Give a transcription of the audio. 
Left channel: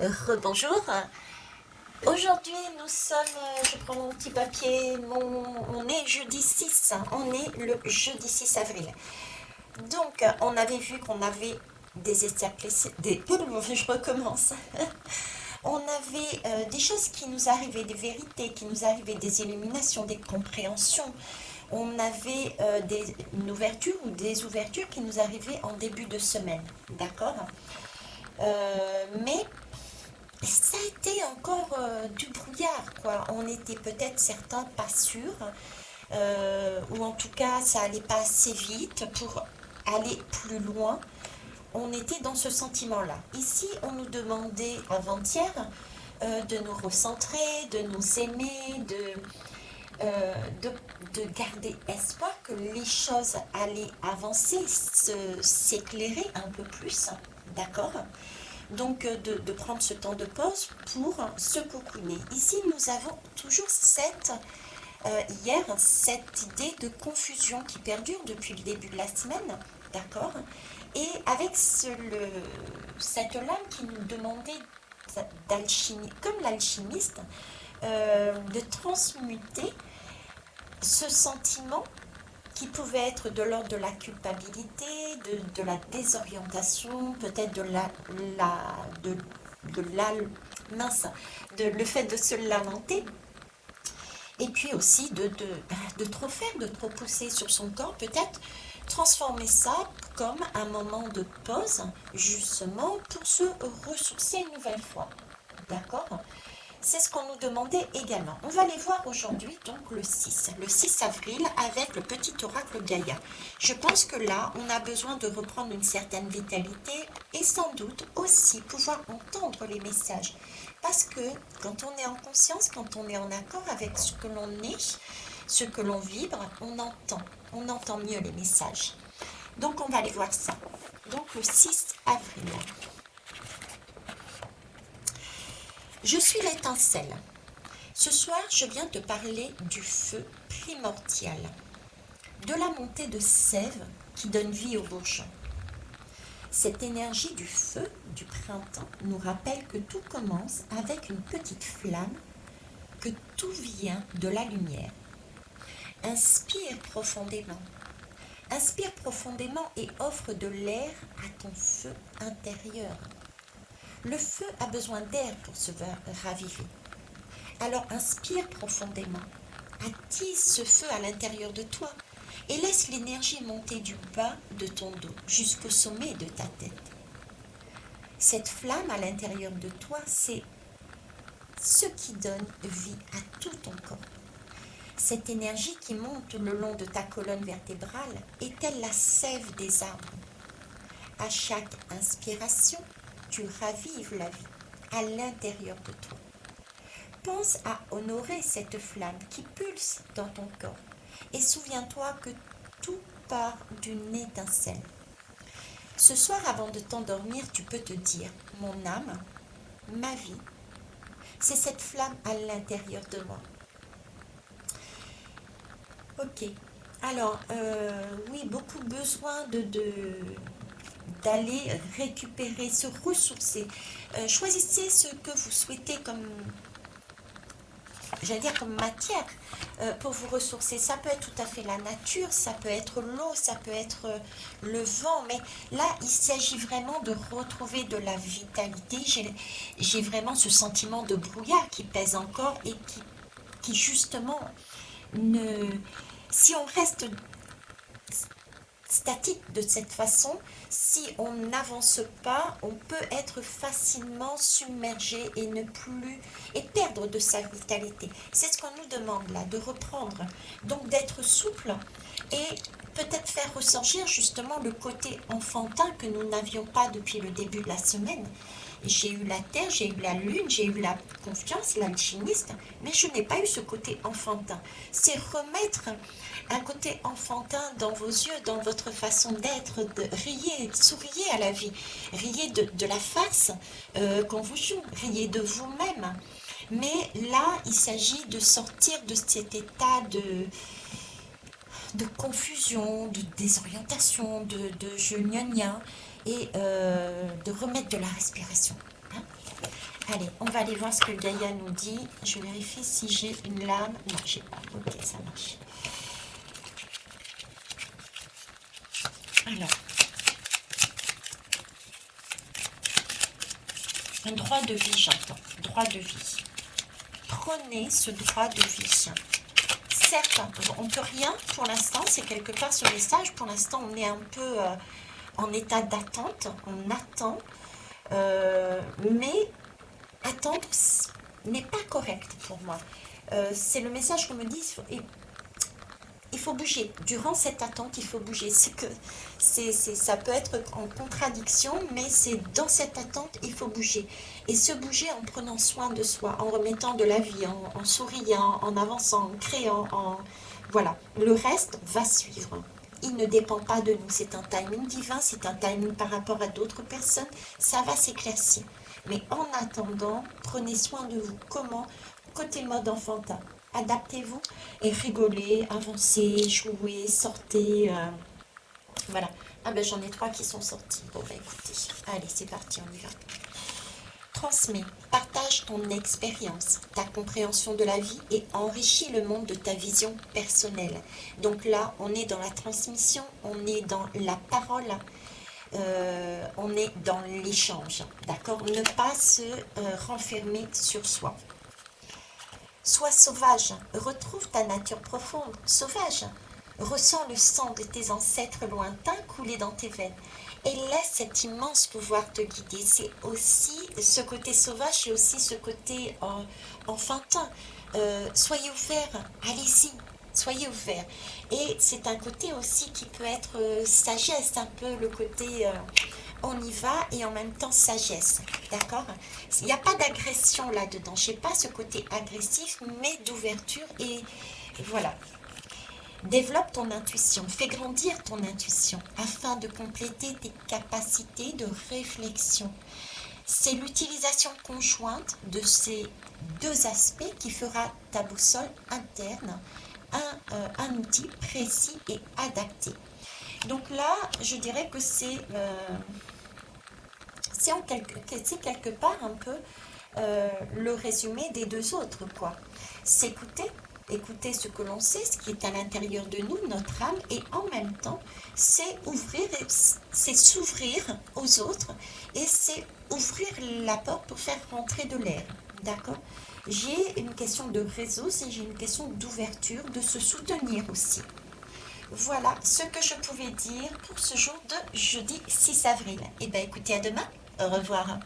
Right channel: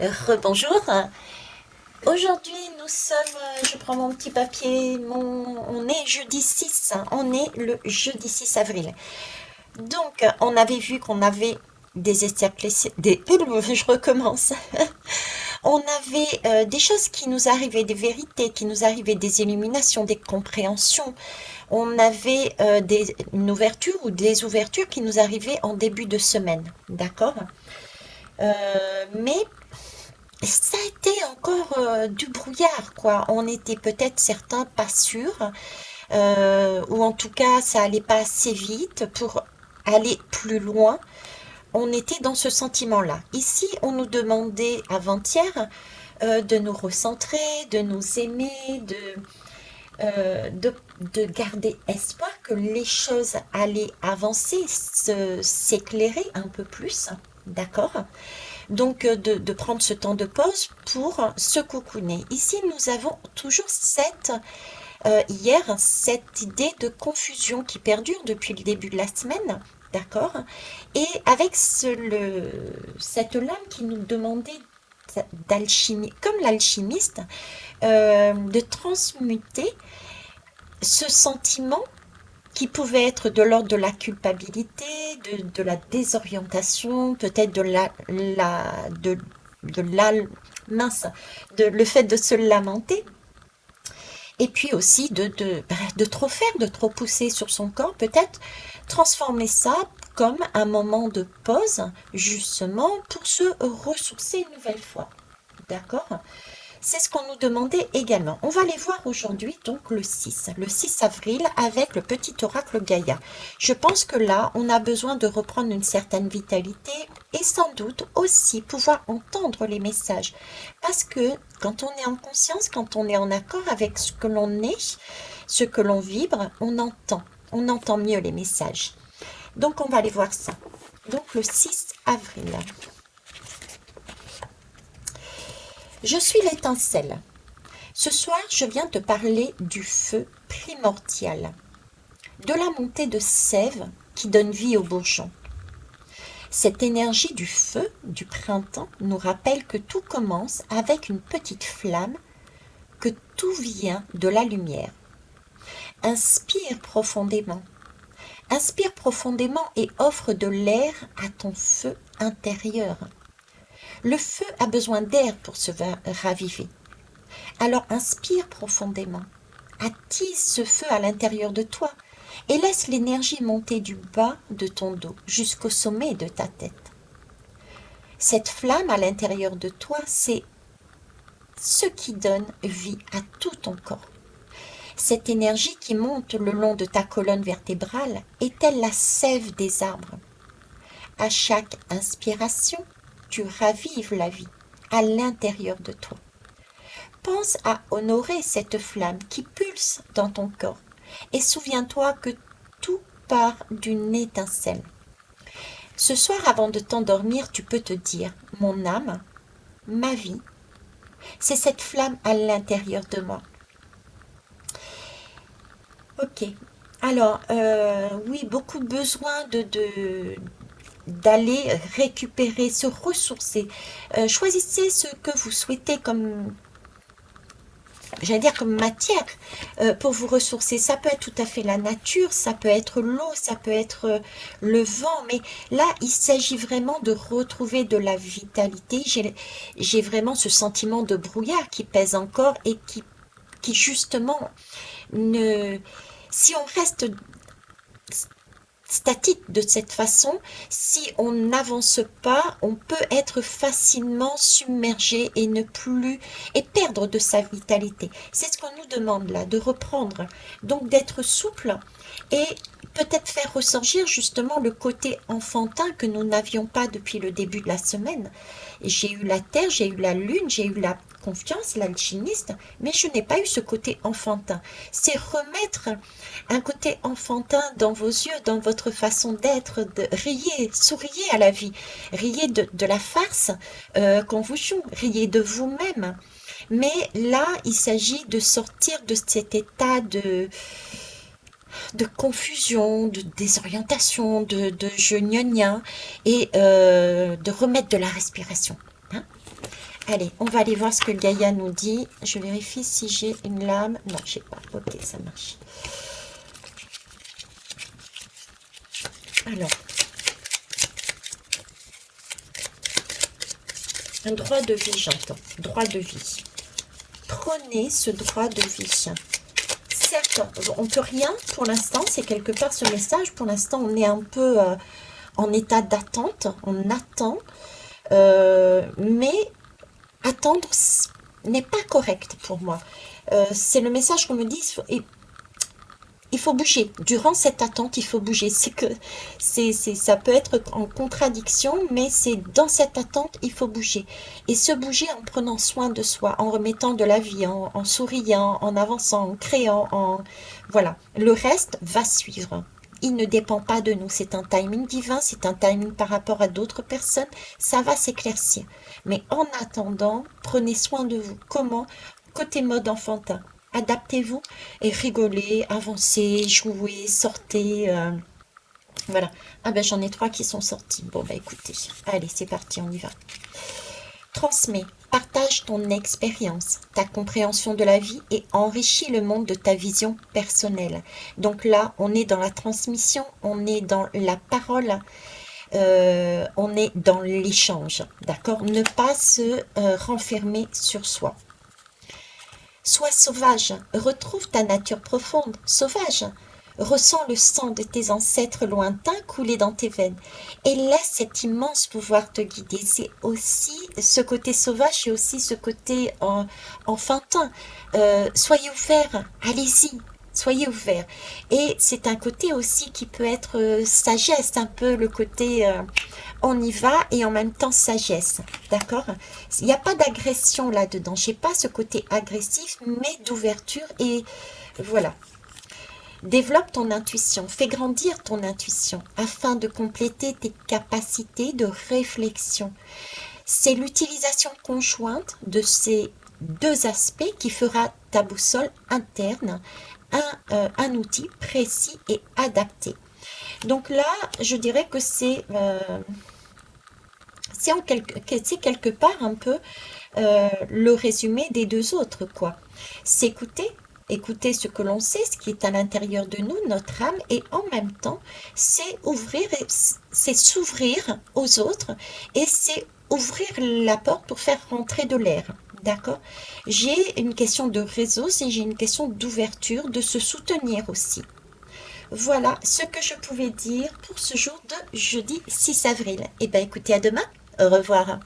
Rebonjour. Aujourd'hui, nous sommes, je prends mon petit papier, on est jeudi 6, on est le jeudi 6 avril. Donc, on avait vu qu'on avait des éclaircissements, je recommence. On avait des choses qui nous arrivaient, des vérités qui nous arrivaient, des illuminations, des compréhensions. On avait une ouverture ou des ouvertures qui nous arrivaient en début de semaine, d'accord? Mais ça a été encore du brouillard, quoi. On était peut-être certains pas sûrs, ou en tout cas, ça allait pas assez vite pour aller plus loin. On était dans ce sentiment-là. Ici, on nous demandait avant-hier de nous recentrer, de nous aimer, euh, de, de garder espoir que les choses allaient avancer, s'éclairer un peu plus. D'accord? Donc de prendre ce temps de pause pour se cocooner. Ici, nous avons toujours hier, cette idée de confusion qui perdure depuis le début de la semaine, d'accord? Et avec cette lame qui nous demandait d'alchimie, comme l'alchimiste, de transmuter ce sentiment qui pouvait être de l'ordre de la culpabilité, de la désorientation, peut-être de la, mince, le fait de se lamenter, et puis aussi de trop faire, de trop pousser sur son corps, peut-être transformer ça comme un moment de pause, justement, pour se ressourcer une nouvelle fois. D'accord? C'est ce qu'on nous demandait également. On va aller voir aujourd'hui donc le 6 avril avec le petit oracle Gaïa. Je pense que là, on a besoin de reprendre une certaine vitalité et sans doute aussi pouvoir entendre les messages. Parce que quand on est en conscience, quand on est en accord avec ce que l'on est, ce que l'on vibre, on entend mieux les messages. Donc on va aller voir ça. Donc le 6 avril. Je suis l'étincelle. Ce soir, je viens te parler du feu primordial, de la montée de sève qui donne vie aux bourgeons. Cette énergie du feu du printemps nous rappelle que tout commence avec une petite flamme, que tout vient de la lumière. Inspire profondément. Inspire profondément et offre de l'air à ton feu intérieur. Le feu a besoin d'air pour se raviver. Alors inspire profondément. Attise ce feu à l'intérieur de toi et laisse l'énergie monter du bas de ton dos jusqu'au sommet de ta tête. Cette flamme à l'intérieur de toi, c'est ce qui donne vie à tout ton corps. Cette énergie qui monte le long de ta colonne vertébrale est telle la sève des arbres. À chaque inspiration, tu ravives la vie à l'intérieur de toi. Pense à honorer cette flamme qui pulse dans ton corps et souviens-toi que tout part d'une étincelle. Ce soir, avant de t'endormir, tu peux te dire, mon âme, ma vie, c'est cette flamme à l'intérieur de moi. Ok. Alors, oui, beaucoup de besoin d'aller récupérer, se ressourcer. Choisissez ce que vous souhaitez comme, j'allais dire comme matière pour vous ressourcer. Ça peut être tout à fait la nature, ça peut être l'eau, ça peut être le vent, mais là, il s'agit vraiment de retrouver de la vitalité. J'ai vraiment ce sentiment de brouillard qui pèse encore et qui justement ne... Si on reste statique de cette façon, si on n'avance pas, on peut être facilement submergé et ne plus et perdre de sa vitalité. C'est ce qu'on nous demande là, de reprendre. Donc d'être souple et peut-être faire ressortir justement le côté enfantin que nous n'avions pas depuis le début de la semaine. J'ai eu la terre, j'ai eu la lune, j'ai eu la confiance, l'alchimiste, mais je n'ai pas eu ce côté enfantin. C'est remettre un côté enfantin dans vos yeux, dans votre façon d'être, de riez, souriez à la vie, riez de la farce qu'on vous joue, riez de vous-même. Mais là, il s'agit de sortir de cet état de confusion, de désorientation, de je gna gna, et de remettre de la respiration. hein. Allez, on va aller voir ce que Gaïa nous dit. Je vérifie si j'ai une lame. Non, je sais pas. Ok, ça marche. Alors, un droit de vie, j'entends. Droit de vie. Prenez ce droit de vie. Certes, on ne peut rien pour l'instant. C'est quelque part ce message. Pour l'instant, on est un peu en état d'attente. On attend. Mais attendre n'est pas correct pour moi. C'est le message qu'on me dit. Il faut bouger. Durant cette attente, il faut bouger. Ça peut être en contradiction, mais c'est dans cette attente, il faut bouger. Et se bouger en prenant soin de soi, en remettant de la vie, en souriant, en avançant, en créant, voilà. Le reste va suivre. Il ne dépend pas de nous. C'est un timing divin, c'est un timing par rapport à d'autres personnes. Ça va s'éclaircir. Mais en attendant, prenez soin de vous. Comment? Côté mode enfantin. Adaptez-vous et rigolez, avancez, jouez, sortez. Voilà. Ah ben j'en ai 3 qui sont sortis. Bon ben écoutez, allez c'est parti, on y va. Transmets, partage ton expérience, ta compréhension de la vie et enrichis le monde de ta vision personnelle. Donc là, on est dans la transmission, on est dans la parole, on est dans l'échange. D'accord? Ne pas se renfermer sur soi. Sois sauvage, retrouve ta nature profonde, sauvage. Ressens le sang de tes ancêtres lointains couler dans tes veines et laisse cet immense pouvoir te guider. C'est aussi ce côté sauvage et aussi ce côté enfantin. Soyez ouverts, allez-y, soyez ouverts. Et c'est un côté aussi qui peut être sagesse, un peu le côté on y va et en même temps sagesse, d'accord? Il n'y a pas d'agression là-dedans, je n'ai pas ce côté agressif, mais d'ouverture et voilà. Développe ton intuition, fais grandir ton intuition afin de compléter tes capacités de réflexion. C'est l'utilisation conjointe de ces deux aspects qui fera ta boussole interne un outil précis et adapté. Donc là, je dirais que c'est quelque part un peu le résumé des deux autres, quoi. S'écouter, écouter ce que l'on sait, ce qui est à l'intérieur de nous, notre âme, et en même temps, c'est s'ouvrir aux autres, et c'est ouvrir la porte pour faire rentrer de l'air. D'accord? J'ai une question de réseau, j'ai une question d'ouverture, de se soutenir aussi. Voilà ce que je pouvais dire pour ce jour de jeudi 6 avril. Eh bien, écoutez, à demain. Au revoir.